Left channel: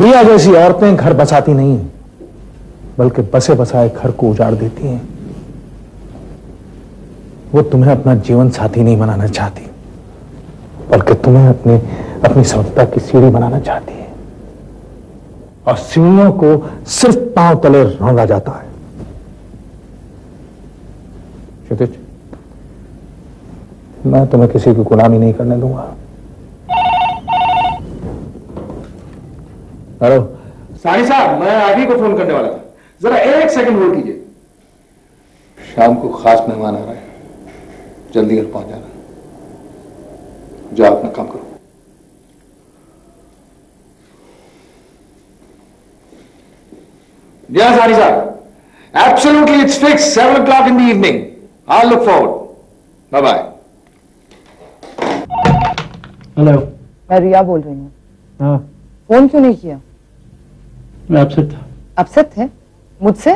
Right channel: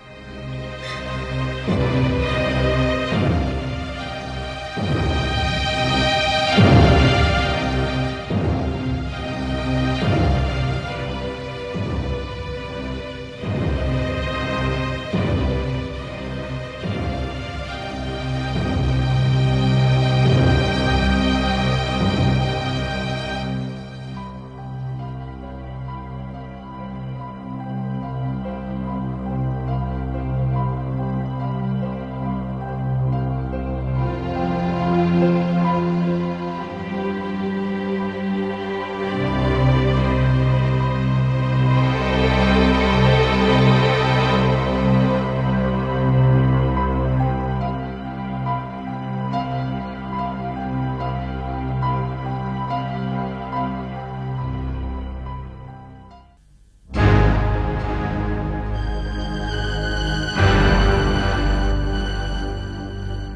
रिया जैसी औरतें घर बसाती नहीं बल्कि बसे बसाए घर को उजाड़ देती हैं। वो तुम्हें अपना जीवन साथी नहीं बनाना चाहती बल्कि तुम्हें अपनी सफलता की सीढ़ी बनाना चाहती है, और सीढ़ियों को सिर्फ पांव तले रौंदा जाता है। मैं तुम्हें किसी की गुलामी नहीं करने दूंगा। हेलो साहिब साहब, मैं आगे को फोन करने वाला था, जरा 1 सेकंड होल्ड कीजिए। शाम को खास मेहमान है, जल्दी पहुंचना, जो अपना काम करो। Yes, Hari sir. Absolutely, it's fixed. 7 o'clock in the evening. I'll look forward. Bye bye. Hello, मैं रिया बोल रही हूँ। हाँ, फोन क्यों नहीं किया? मैं अपसेट। अपसेट है मुझसे?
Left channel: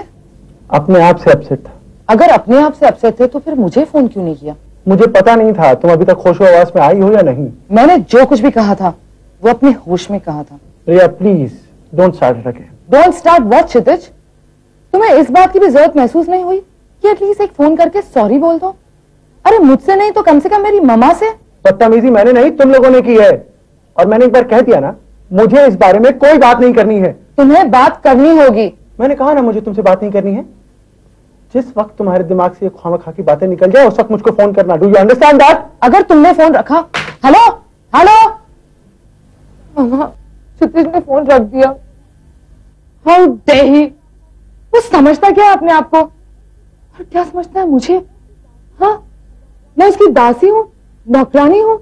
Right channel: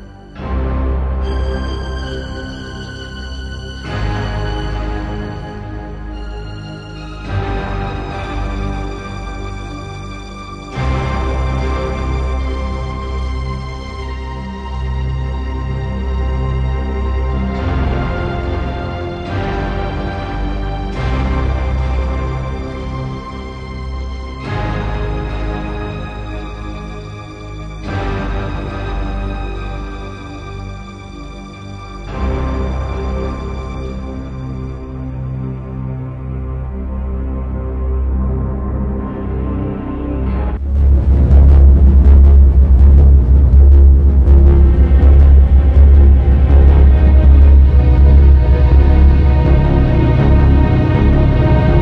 अपने आप से अपसेट। अगर अपने आप से अपसेट है तो फिर मुझे फोन क्यों नहीं किया? मुझे पता नहीं था तुम अभी तक खुश आवाज में आई हो या नहीं। मैंने जो कुछ भी कहा था वो अपने होश में कहा था। Riya please don't start that. Don't start what Kshitij? तुम्हें इस बात की भी जरूरत महसूस नहीं हुई कि एटलीस्ट एक फोन करके सॉरी बोल दो? अरे मुझसे नहीं तो कम से कम मेरी मम्मा से। बदतमीजी मैंने नहीं तुम लोगों ने की है, और मैंने एक बार कह दिया ना, मुझे इस बारे में कोई बात नहीं करनी है। तुम्हें बात करनी होगी। मैंने कहा ना मुझे तुमसे बात नहीं करनी है। जिस वक्त तुम्हारे दिमाग से खामखा की बातें निकल जाए उस वक्त मुझको फोन करना। Do you understand that? अगर तुमने फोन रखा, हेलो हेलो, क्षितिज ने फोन रख दिया। How dare he! वो समझता क्या है अपने आप को? क्या समझता है मुझे? हाँ, मैं उसकी दासी हूँ, नौकरानी हूँ।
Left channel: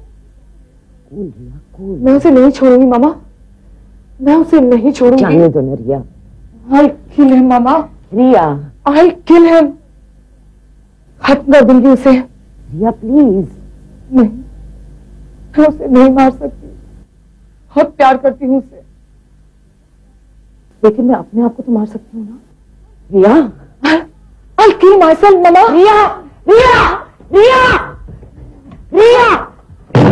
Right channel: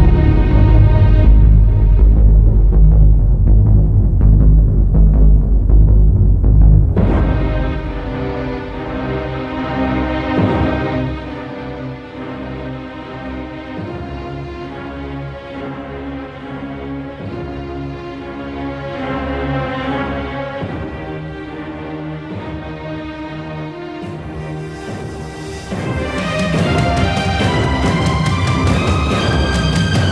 मैं उसे नहीं छोड़ूंगी मामा, मैं उसे नहीं छोड़ूंगी। जाने दो ना रिया। I'll kill him, मामा। रिया, I'll kill him। खत्म कर दूंगी उसे। रिया प्लीज। मैं उसे नहीं मार सकती, बहुत प्यार करती हूँ, लेकिन मैं अपने आप को तो मार सकती हूँ। रिया, I'll kill myself, मामा। रिया, रिया, रिया, रिया,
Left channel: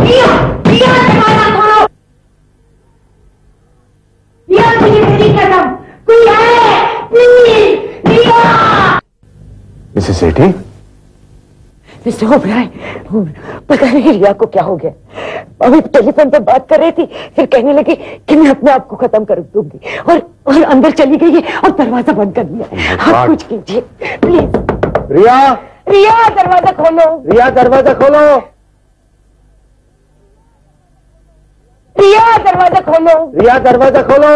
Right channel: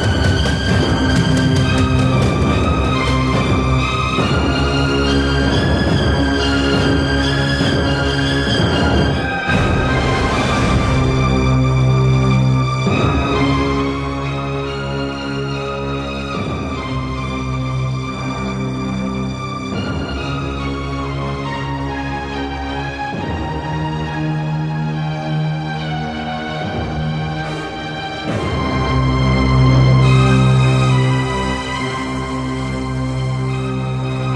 रिया, रिया, दरवाजा खोलो। रिया, मुझे बेटी का दम, कोई आए, please, Riya. This is okay? इसे हो गया है, पता नहीं रिया को क्या हो गया। अभी टेलीफोन पर बात कर रही थी, फिर कहने लगी कि मैं अपने आप को खत्म कर दूंगी, और अंदर चली गई और दरवाजा बंद कर दिया। आप कुछ कीजिए प्लीज। रिया, रिया, दरवाजा खोलो। रिया दरवाजा खोलो। रिया, दरवाजा खोलो। रिया दरवाजा खोलो।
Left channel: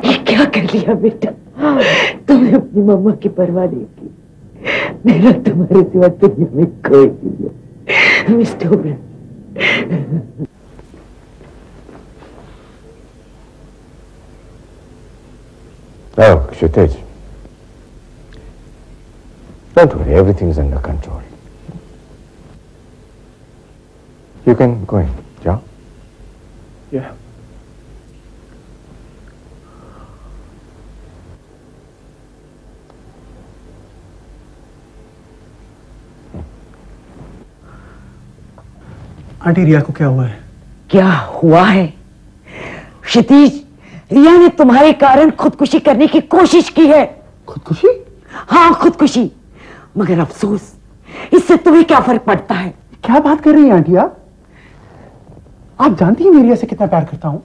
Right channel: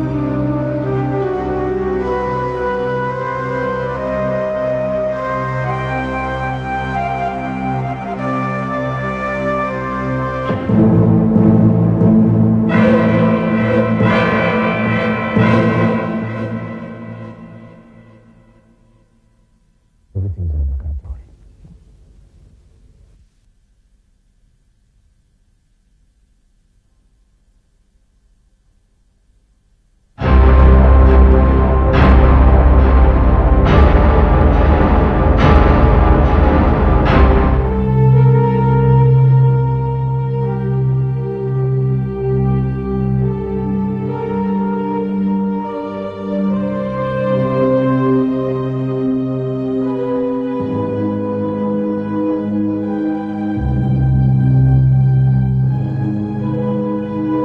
ये क्या कर लिया बेटा? तुम्हें अपनी मम्मा की परवाह नहीं, मेरा तुम्हारे सिवा तुम्हें कोई नहीं। Oh, Kshitij. Don't worry, everything is under control. You can go in, yeah? Yeah. Aunty, Riya को क्या हुआ है? क्या हुआ है? क्षितिज, रिया ने तुम्हारे कारण खुदकुशी करने की कोशिश की है। खुदकुशी? हाँ, खुदकुशी। मगर अफसोस, इससे तुम्हें क्या फर्क पड़ता है? क्या बात कर रही हैं आंटी आप? आप जानती हैं मैं रिया से कितना प्यार करता हूँ।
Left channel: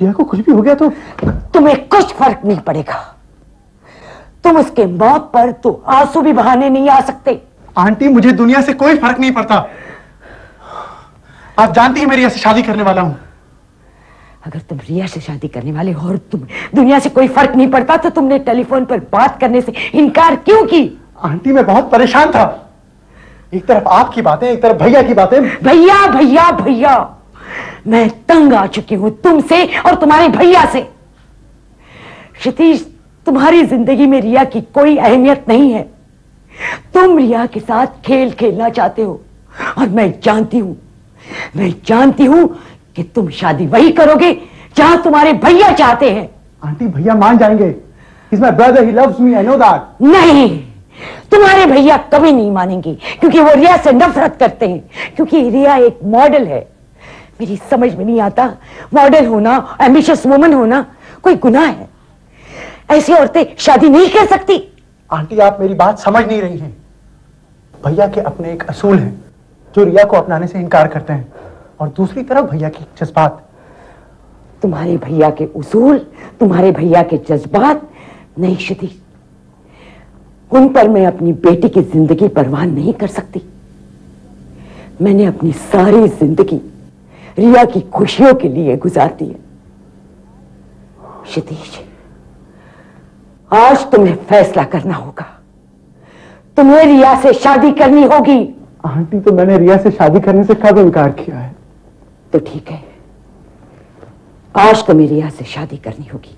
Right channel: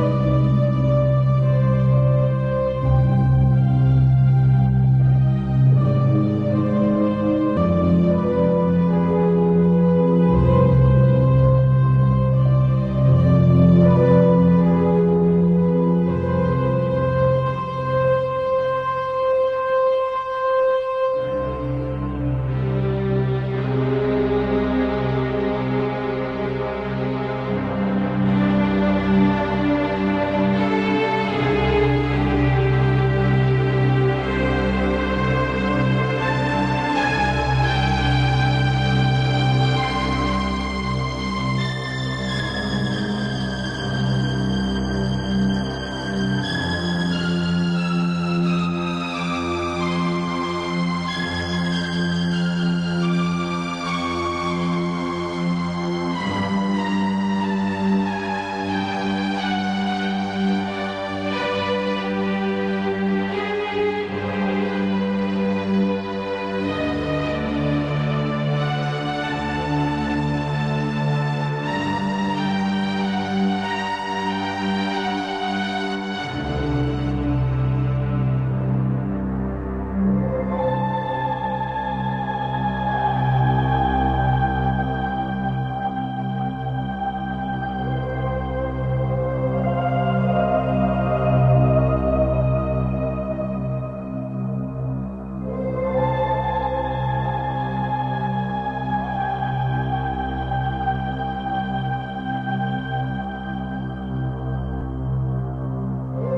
रिया को कुछ भी हो गया तो तुम्हें कुछ फर्क नहीं पड़ेगा। तुम उसके मौत पर तो आंसू भी बहाने नहीं आ सकते। आंटी, मुझे दुनिया से कोई फर्क नहीं पड़ता। आप जानती हैं मैं रिया से शादी करने वाला हूँ। अगर तुम रिया से शादी करने वाले हो और तुम दुनिया से कोई फर्क नहीं पड़ता तो तुमने टेलीफोन पर बात करने से इनकार क्यों की? आंटी, मैं बहुत परेशान था। एक तरफ आपकी बातें, एक तरफ भैया की बातें। भैया भैया भैया, मैं तंग आ चुकी हूँ तुमसे और तुम्हारे भैया से। क्षितिज, तुम्हारी जिंदगी में रिया की कोई अहमियत नहीं है। तुम रिया के साथ खेल खेलना चाहते हो और मैं जानती हूँ कि तुम शादी वही करोगे जहाँ तुम्हारे भैया चाहते हैं। आंटी भैया मान जाएंगे। He's my brother, he loves me, I know that. नहीं, तुम्हारे भैया कभी नहीं मानेंगे क्योंकि वो रिया से नफरत करते हैं, क्योंकि रिया एक मॉडल है। मेरी समझ में नहीं आता, मॉडल होना, एम्बिशियस वुमन होना कोई गुनाह है? ऐसी औरतें शादी नहीं कर सकती। आंटी आप मेरी बात समझ नहीं रही हैं। भैया के अपने एक असूल हैं जो रिया को अपनाने से इनकार करते हैं, और दूसरी तरफ भैया की जज्बात। तुम्हारे भैया के उसूल, तुम्हारे भैया के जज्बात नहीं क्षिति, उन पर मैं अपनी बेटी की जिंदगी बर्बाद नहीं कर सकती। मैंने अपनी सारी जिंदगी रिया की खुशियों के लिए गुजार दी। क्षितिज, आज तुम्हें फैसला करना होगा। तुम्हें रिया से शादी करनी होगी। आंटी तो मैंने रिया से शादी करने से कब इनकार किया है? तो ठीक है, आज तुम्हें रिया से शादी करनी होगी।